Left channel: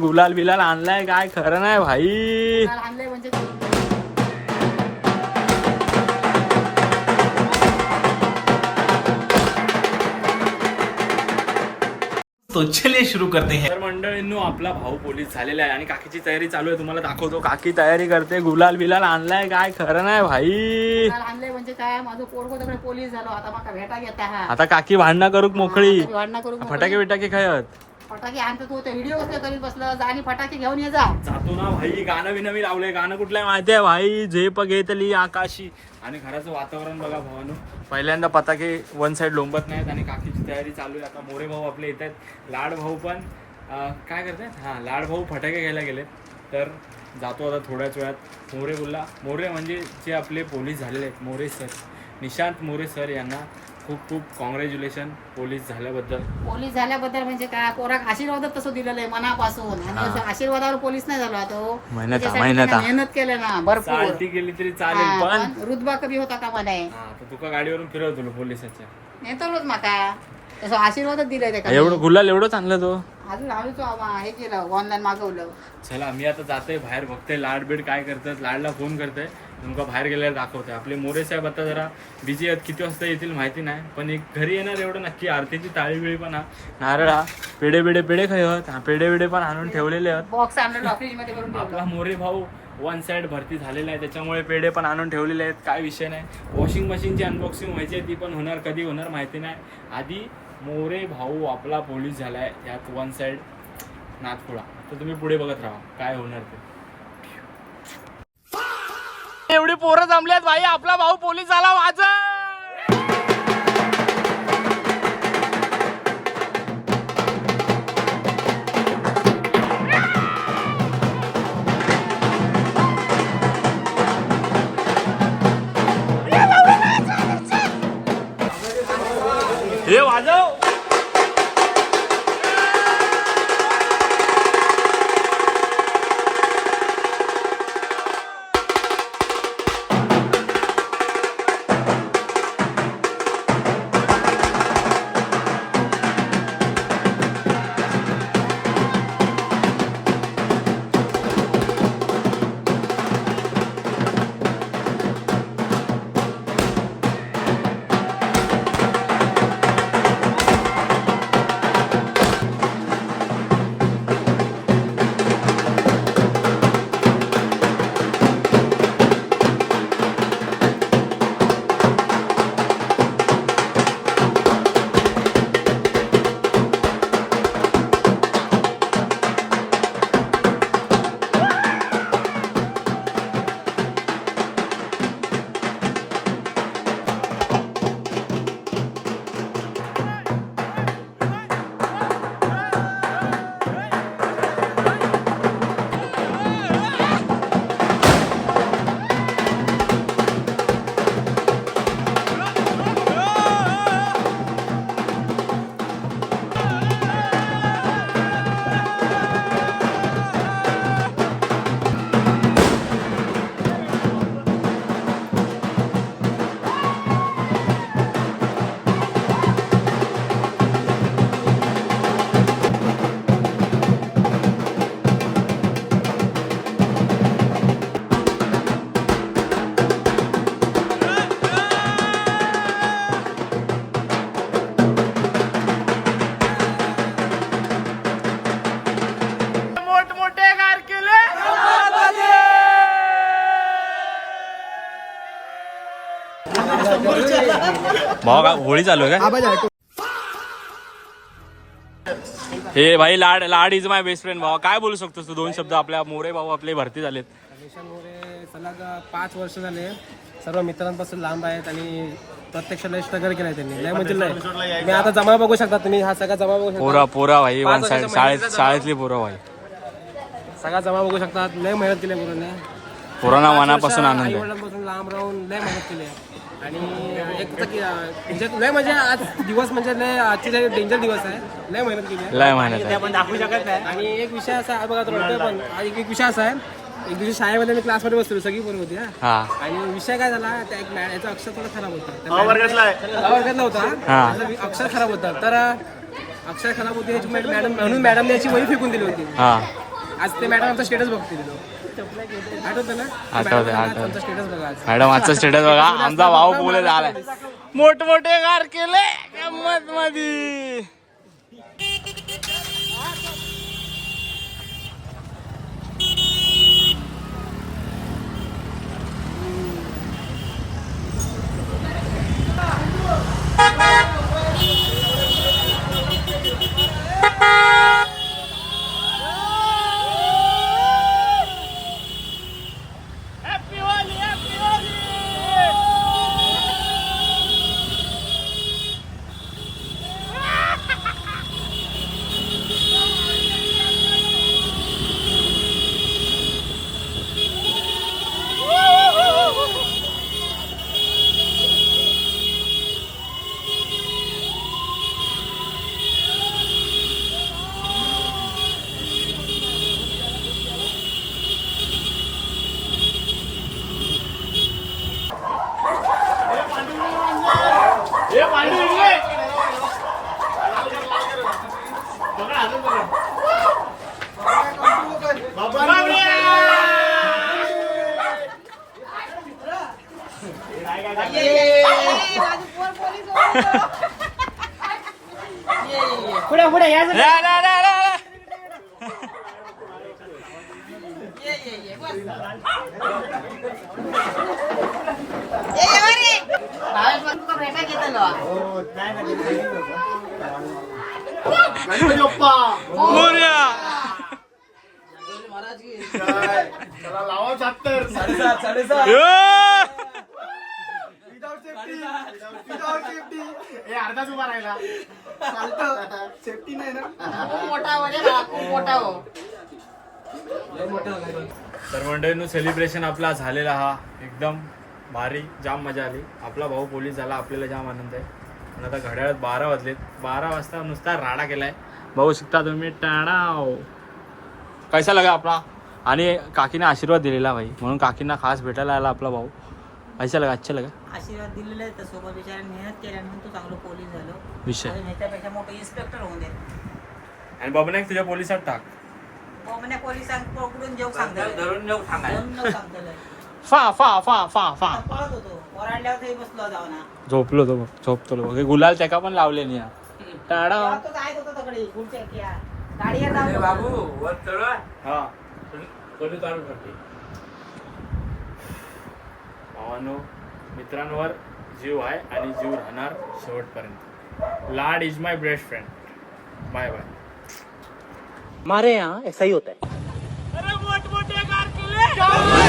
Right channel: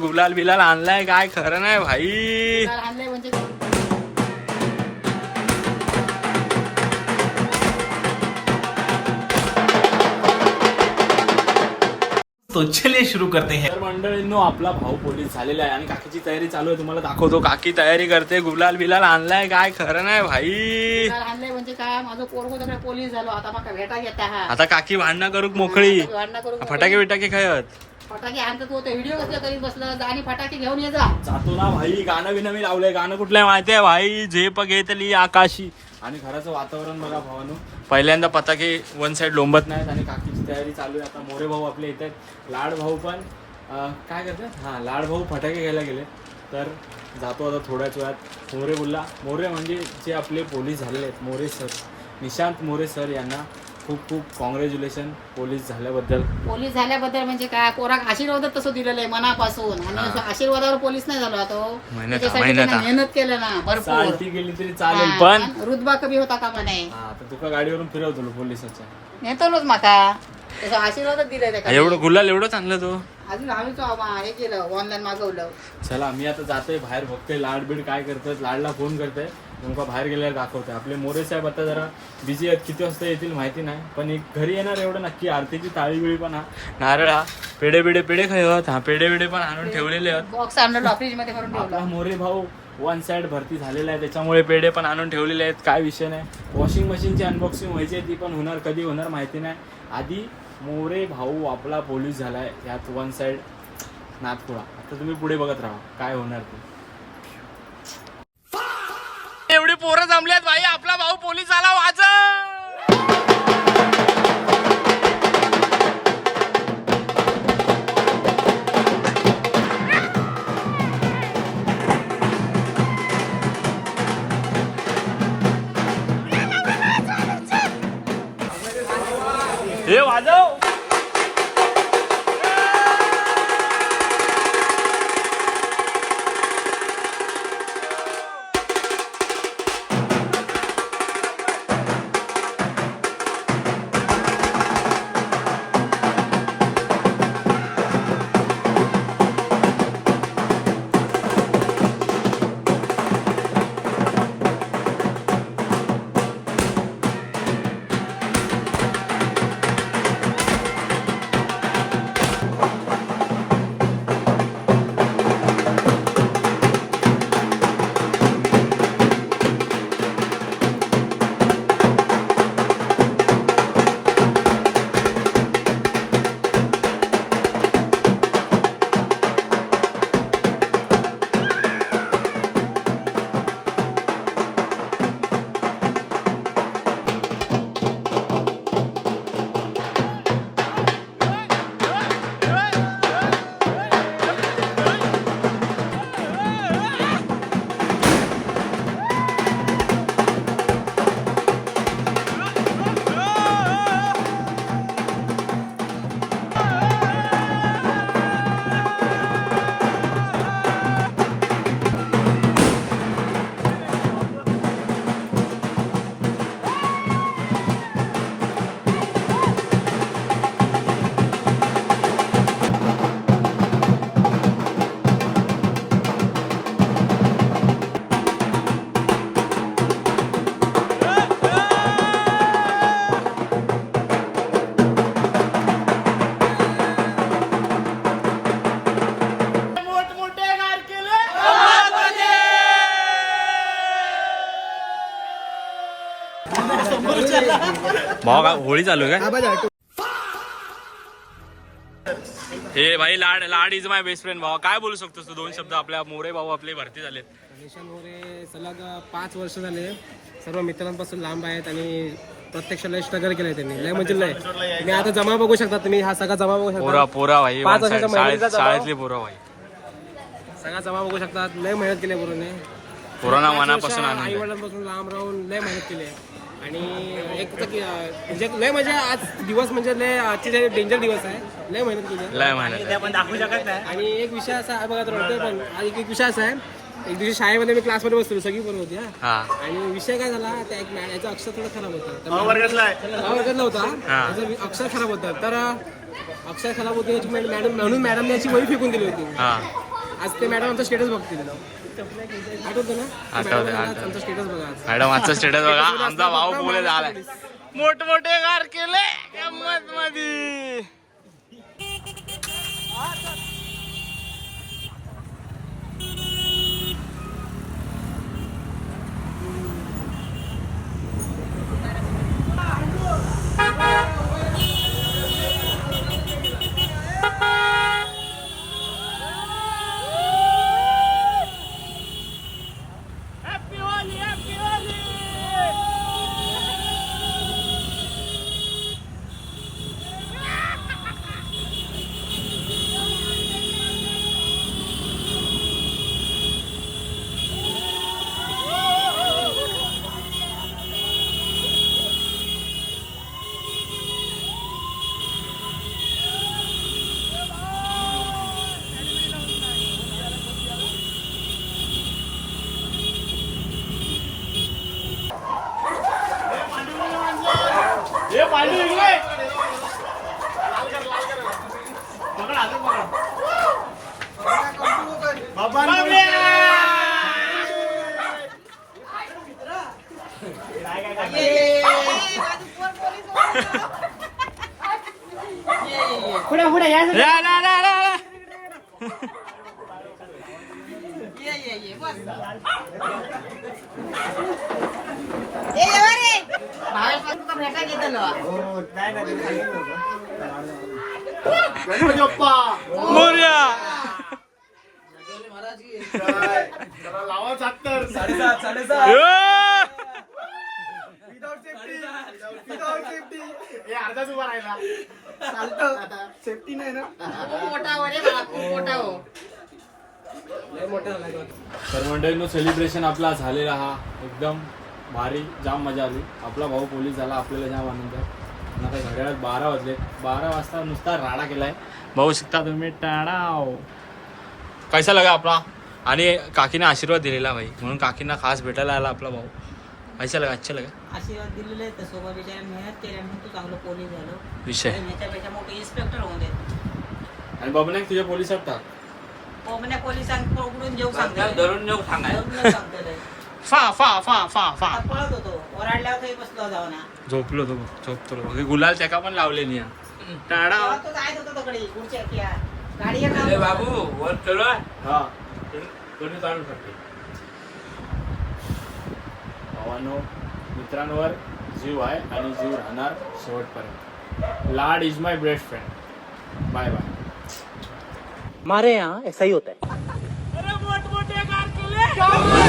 गुलाल बिलाल आणलाय काय खरं नाही भाई. आणलंय म्हणजे तो चलिए शुरू करते हैं. तर मंडळींनो आपला भाऊ पोलीस झालेला आहे आणि काकीची तयारी चालू आहे. तुम्हाला दाखवतो काकी तयारी करते. गुलाल बिलाल आणलाय काय खरं नाही भाई. आणलंय म्हणजे काय माझं पोरगो सगळं पोलीस झालो आता मका भेटा घेता हा आता काकी भांडणं करूक मोकळी. भांडणं करून फटाके बिटाके खायत फटाके आणतात तो व्हिडिओ करीत बसलं जा आणि फटाके घेऊन ये जा. जातो ना भाई. गाणं बिनं मी लावलंय. गाणं कुठलंय माहितीये भाई. झेप घेतली आकाशी. आणि घराचं वातावरण बघा भावानो. पहिल्यांदा पताके वन साइड लोंबत नाहीत आणि काकीची तयारी चालू आहे. आता मोरे भाऊ आपले येत आहेत. लाड भाऊ पण काय करतात. हां लाड भाऊ फटाके घ्यायला गेलेत. तर जातो आता थोड्याच वेळात. मोरे बोलला. मोरे म्हणजे जे आपले पोलीस झालेले आहेत मोरे सर, निशांत मोरे सर यांना खूप खूप कॉंग्रॅच्युलेशन पोलीस झाल्याबद्दल. पोलीस झाल्याबद्दल म्हणजे काय पोराक आशीर्वाद तसं दिलेलं आहे मनापासून. आणि हा. असं आशीर्वादावर पोलीस नाही झालो तो मेहनत मेहनत केलं ना भरपूर. चालती गेली तरी चालेल पण रुतबा कमी होता का म्हणे. हा तर तुका गाडीवरून फिरवतो पोलिसाच्या. नेतोच माका तसं आशीर्वादच दिले ते. एवढं गुलाल एवढंच आणलं तो. अजून आम्ही हे केलं ऑनलाईन मागवलं. चला मी आता जातोय बाहेर. बघते लाड बीड काय करतात. लाडला फोन करते. तुमका बाहेर गेल्यावर दाखवते. आपले मोरे साहेब आता जरा बिझी आहेत. किती वाजता येतील माहिती नाही पण एक घरी येणार एवढं नक्की. आरतीची ताळी बिळी पण हा नारळ हा पेढे खायत. हा पेढे पण आणून ठेवलेले आहेत. बॉक्स आणलं फ्रीज मध्ये करून ठेवलं. आपला मोरे भाऊ वन साइड भरती झालेला आहे त्याच्यामुळे पेढे पण आणून ठेवलेले आहेत. काय विषय नाही. वॉशिंग मशीनची अनबॉक्सिंग व्हायची आहे ती पण होणार. कधी होणार माहिती नाही. आधी मोरे भाऊ आपला पोलीस झालाय यात वन साइड नाथपुडा. आता तुम्ही पुढे बघत राहा काय होणार ते. एवढी पोरं जमल्यात भाई. आपला भाऊ पोलीस झाला. वाज हे वाजव. भाऊ का होळी चालू आहे का. हे भाई लाड इज माय बेस्ट फ्रेंड. भाऊ काय बोलू शकतोस तू 2 शब्द. आपल्या मोरे भाऊ आपले भरती झालेत. निशांत मोरे सलग 5 वर्ष झाले. सर्व मित्रांपासून लांब आहेत आणि प्रत्यक्ष लय स्ट्रगल केलाय त्यांनी. लय म्हणजे लय. मी आता जमा बघू शकता तुम्ही. हा सगळा जमा बघू शकता. पोरा भाई वन साइड शाळेतली पोरा भाई. सगळा जमा बघू शकता. लय मेहनत केली पोरांनी. पोरांना मनापासून आनंद आहे. आईवडिलांपासून लांब राहून लय मेहनत केली. आणि एक म्हणजे लय म्हणजे आज दिवस म्हणजे लय आजची डेंजर दिवस आहे. लय मेहनत केली आहे. लय मेहनत आहे. आपण दाखवू शकत नाही. आणि एक विषय असा आहे बघा रडतोय पण. एक विषय असा आहे. एक दिवशी शाळेमध्ये मी क्लासमध्ये बसलो. सगळी पोरं होती हा. आणि विषय काय झाला त्या एक याचा अक्षर थोडा खराब होता. वर्गातला होता. त्याचा अक्षर खराब होता. तर अक्षर खराब होते मॅडम म्हणून मॅडमने याची वही फेकून दिली होती. आज ते मॅडम आमचा स्टेटस बघतील आठवतं ना आठवतंय, आमचा स्टेटस बघा आज. मॅडम आजचा स्टेटस बघा, आमचा भाऊ बोले झालाय मोठमोठे कार केले गंमत मध्ये. पुढे पुढे या जरा. भावेश तुका भेटा घेतलो. मोरया. अर्धाच उभा राहिला सेफ्टी नाही ना. खूप मोठा हो रे बाळा, खूप मोठा हो. तर मंडळींनो सेलिब्रेशन आपला झालेला हा एकदम भारी, जाम मजा आली. आपला भाऊ पोलीस झाला, आपल्याला जाम आनंद आहे. आणि आता घड्याळात 12 वाजलेत. 12 वाजता नुसता राडा केलाय. भाऊ शिकता तुम्ही टाणाव. कैसा लगा आपला? आणि काकीने आशीर्वाद दिलेला भाई, म्हणून काकींना खास भेटायला आला आपला भाऊ. कैसा लगा? अच्छा लगा? आशीर्वाद दिलेले आहेत सोबत बिचारा मेहनत केल्या म्हणून तू चांगलं पोलीस झालो. विषय आणि ह्याच्यापेक्षा मोठे इन्स्पेक्टर होऊन देत. आणि बाबा तुझ्या पोलिसात टाक. कोमण्या पोलिसांकडून जेव सांगते धरून नेऊ सांगते. फा फा फा फा फा पळत होतो ओराडल्यावर तरी बसलो जाऊ ना. झोपलो तो, झोपतो बघ. गुलाल त्याका पण लावले नाही. टाणा तो जायत होता तिकडे पुढच्या गाडी बाबू वर चलो हा भावानो, मित्रांवर जीव आहे आणि जीव राहणार शेवटपर्यंत. Lad is my best friend. Bye bye. हमारे यहाँ ऐसा ही होता है. अरे मोठमोठे कार केले.